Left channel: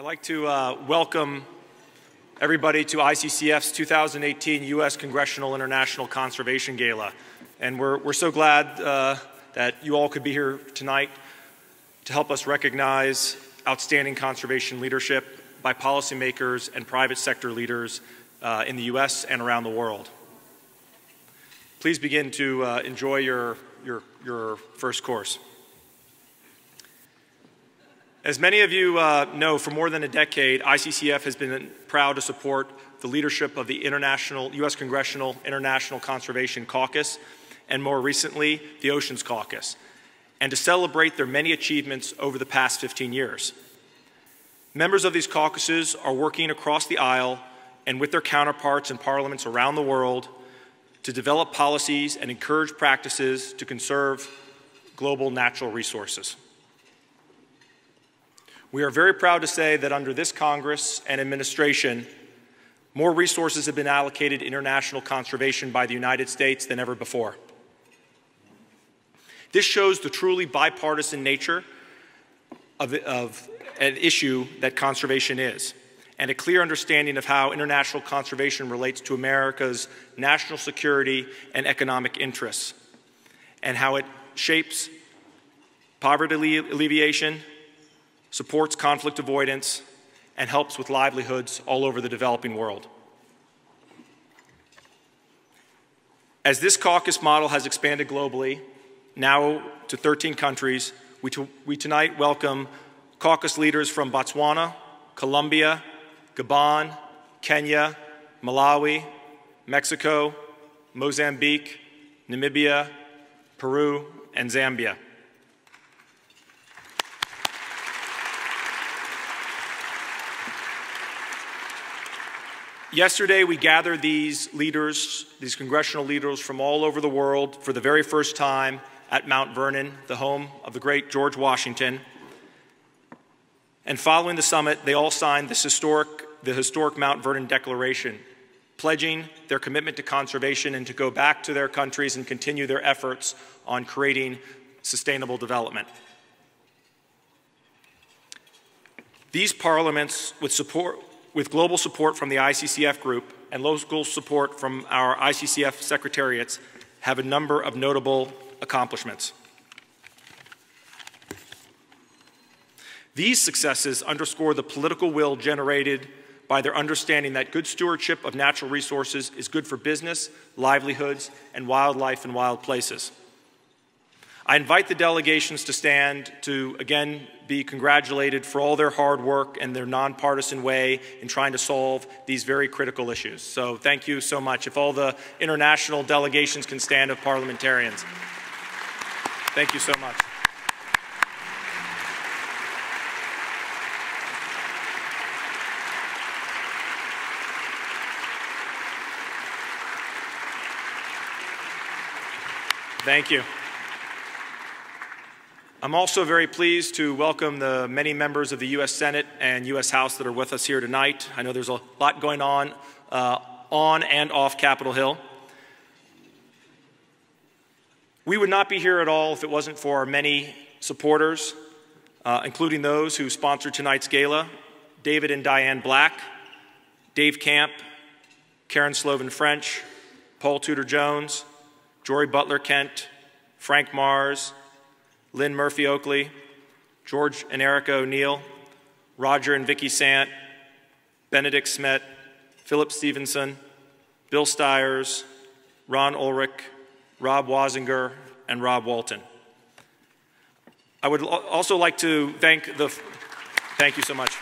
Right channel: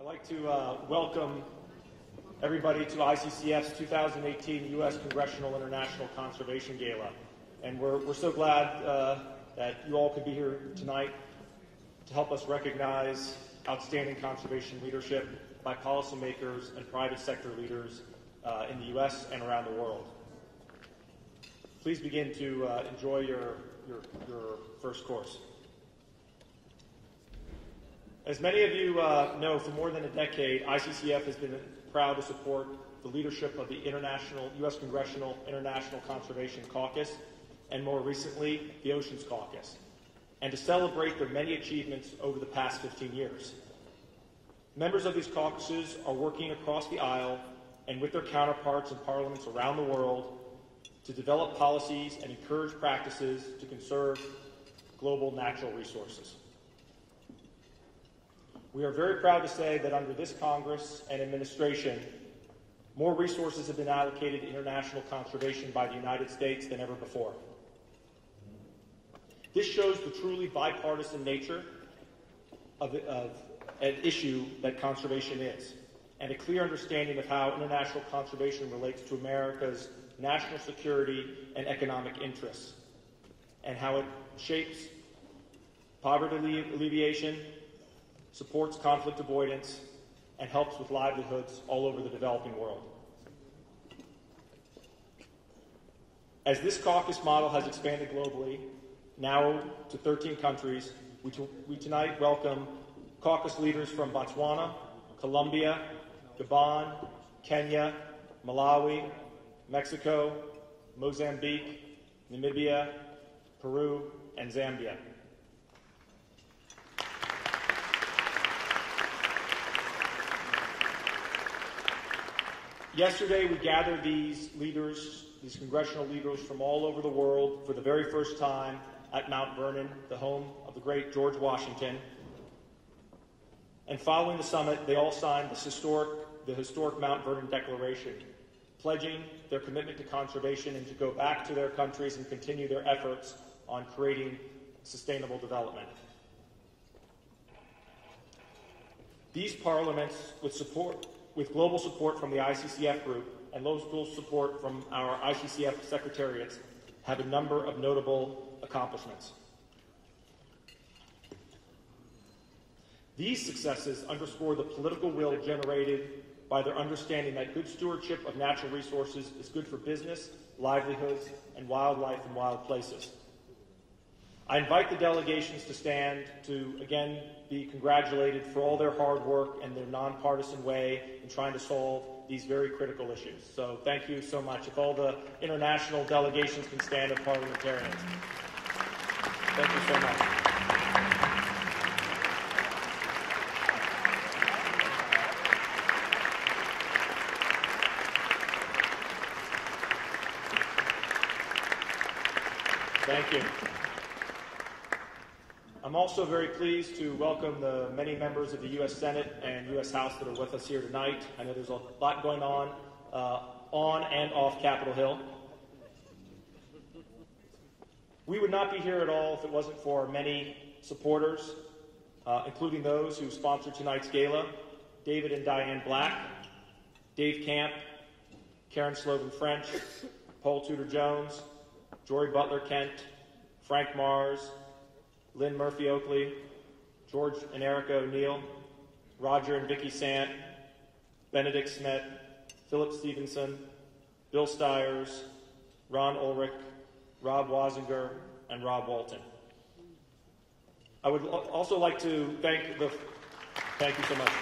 I'd like to welcome everybody to ICCF's 2018 U.S. Congressional International Conservation Gala. And we're so glad that you all could be here tonight to help us recognize outstanding conservation leadership by policymakers and private sector leaders in the U.S. and around the world. Please begin to enjoy your first course. As many of you know, for more than a decade, ICCF has been proud to support the leadership of the U.S. Congressional International Conservation Caucus, and more recently, the Oceans Caucus, and to celebrate their many achievements over the past 15 years. Members of these caucuses are working across the aisle and with their counterparts in parliaments around the world to develop policies and encourage practices to conserve global natural resources. We are very proud to say that under this Congress and administration, more resources have been allocated to international conservation by the United States than ever before. This shows the truly bipartisan nature of an issue that conservation is, and a clear understanding of how international conservation relates to America's national security and economic interests, and how it shapes poverty alleviation, supports conflict avoidance, and helps with livelihoods all over the developing world. As this caucus model has expanded globally, now to 13 countries, we tonight welcome caucus leaders from Botswana, Colombia, Gabon, Kenya, Malawi, Mexico, Mozambique, Namibia, Peru, and Zambia. Yesterday, we gathered these leaders, these congressional leaders from all over the world for the very first time at Mount Vernon, the home of the great George Washington. And following the summit, they all signed the historic Mount Vernon Declaration, pledging their commitment to conservation and to go back to their countries and continue their efforts on creating sustainable development. These parliaments, with global support from the ICCF group and local support from our ICCF secretariats, have a number of notable accomplishments. These successes underscore the political will generated by their understanding that good stewardship of natural resources is good for business, livelihoods, and wildlife in wild places. I invite the delegations to stand to, again, be congratulated for all their hard work and their nonpartisan way in trying to solve these very critical issues. So thank you so much. If all the international delegations can stand of parliamentarians. Thank you so much. Thank you. I'm also very pleased to welcome the many members of the U.S. Senate and U.S. House that are with us here tonight. I know there's a lot going on and off Capitol Hill. We would not be here at all if it wasn't for our many supporters, including those who sponsored tonight's gala: David and Diane Black, Dave Camp, Karen Sloven French, Paul Tudor Jones, Jory Butler Kent, Frank Mars, Lynn Murphy Oakley, George and Erica O'Neill, Roger and Vicki Sant, Benedict Smet, Philip Stevenson, Bill Stiers, Ron Ulrich, Rob Wazinger, and Rob Walton. I would also like to thank thank you so much.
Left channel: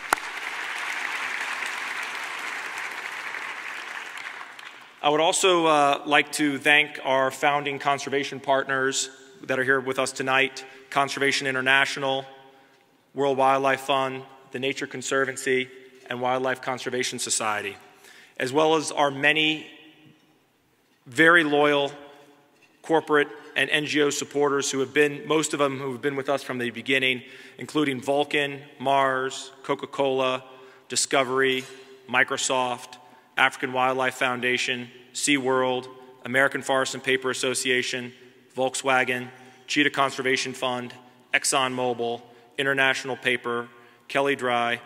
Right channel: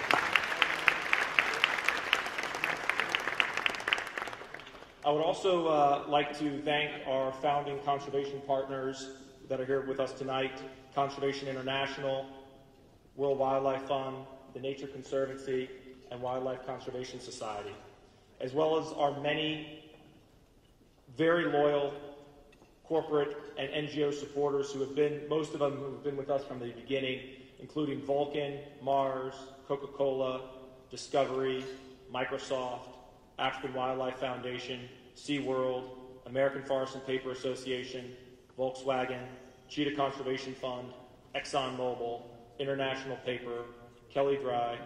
I would also like to thank our founding conservation partners that are here with us tonight: Conservation International, World Wildlife Fund, the Nature Conservancy, and Wildlife Conservation Society, as well as our many very loyal corporate and NGO supporters who have been, most of them who have been with us from the beginning, including Vulcan, Mars, Coca-Cola, Discovery, Microsoft, African Wildlife Foundation, SeaWorld, American Forest and Paper Association, Volkswagen, Cheetah Conservation Fund, ExxonMobil, International Paper, Kelly Dry,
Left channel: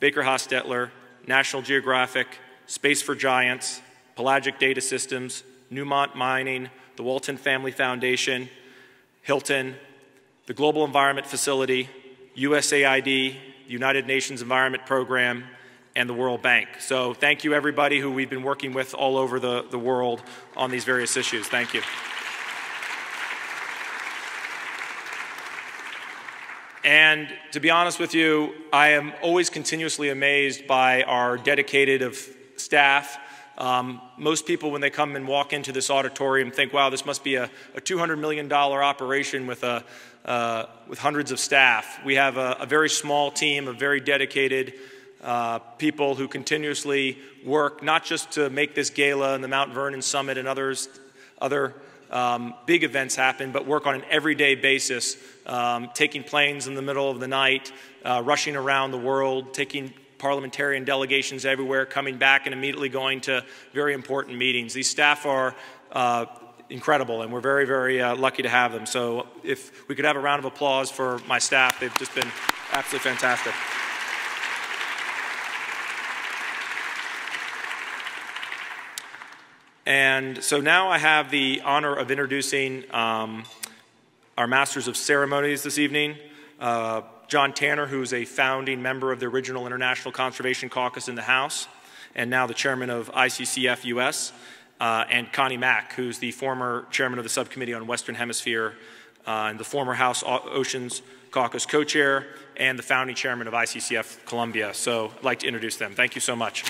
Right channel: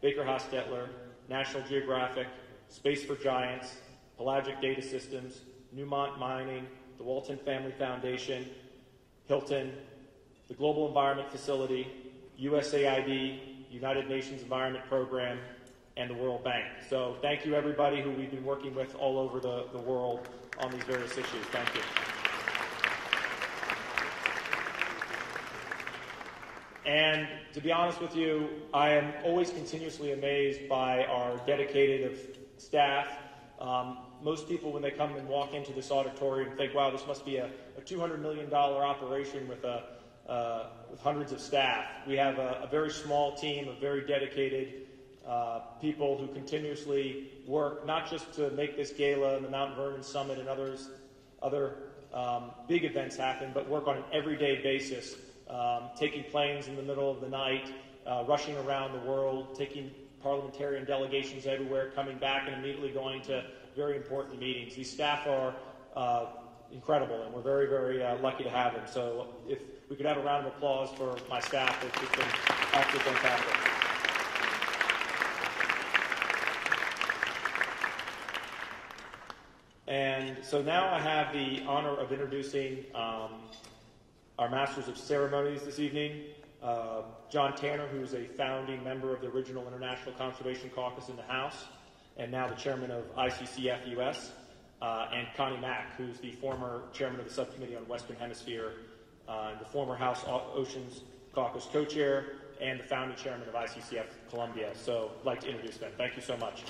Baker Hostetler, National Geographic, Space for Giants, Pelagic Data Systems, Newmont Mining, the Walton Family Foundation, Hilton, the Global Environment Facility, USAID, the United Nations Environment Program, and the World Bank. So thank you, everybody who we've been working with all over the world on these various issues. Thank you. And to be honest with you, I am always continuously amazed by our dedicated staff. Most people, when they come and walk into this auditorium, think, wow, this must be a $200 million operation with hundreds of staff. We have a very small team of very dedicated people who continuously work, not just to make this gala and the Mount Vernon Summit and other big events happen, but work on an everyday basis, taking planes in the middle of the night, rushing around the world, taking parliamentarian delegations everywhere, coming back and immediately going to very important meetings. These staff are incredible, and we're very, very lucky to have them. So if we could have a round of applause for my staff, they've just been absolutely fantastic. And so now I have the honor of introducing our Masters of Ceremonies this evening. John Tanner, who's a founding member of the original International Conservation Caucus in the House, and now the chairman of ICCF US, and Connie Mack, who's the former chairman of the Subcommittee on Western Hemisphere, and the former House Oceans Caucus co-chair, and the founding chairman of ICCF Colombia. So I'd like to introduce them. Thank you so much.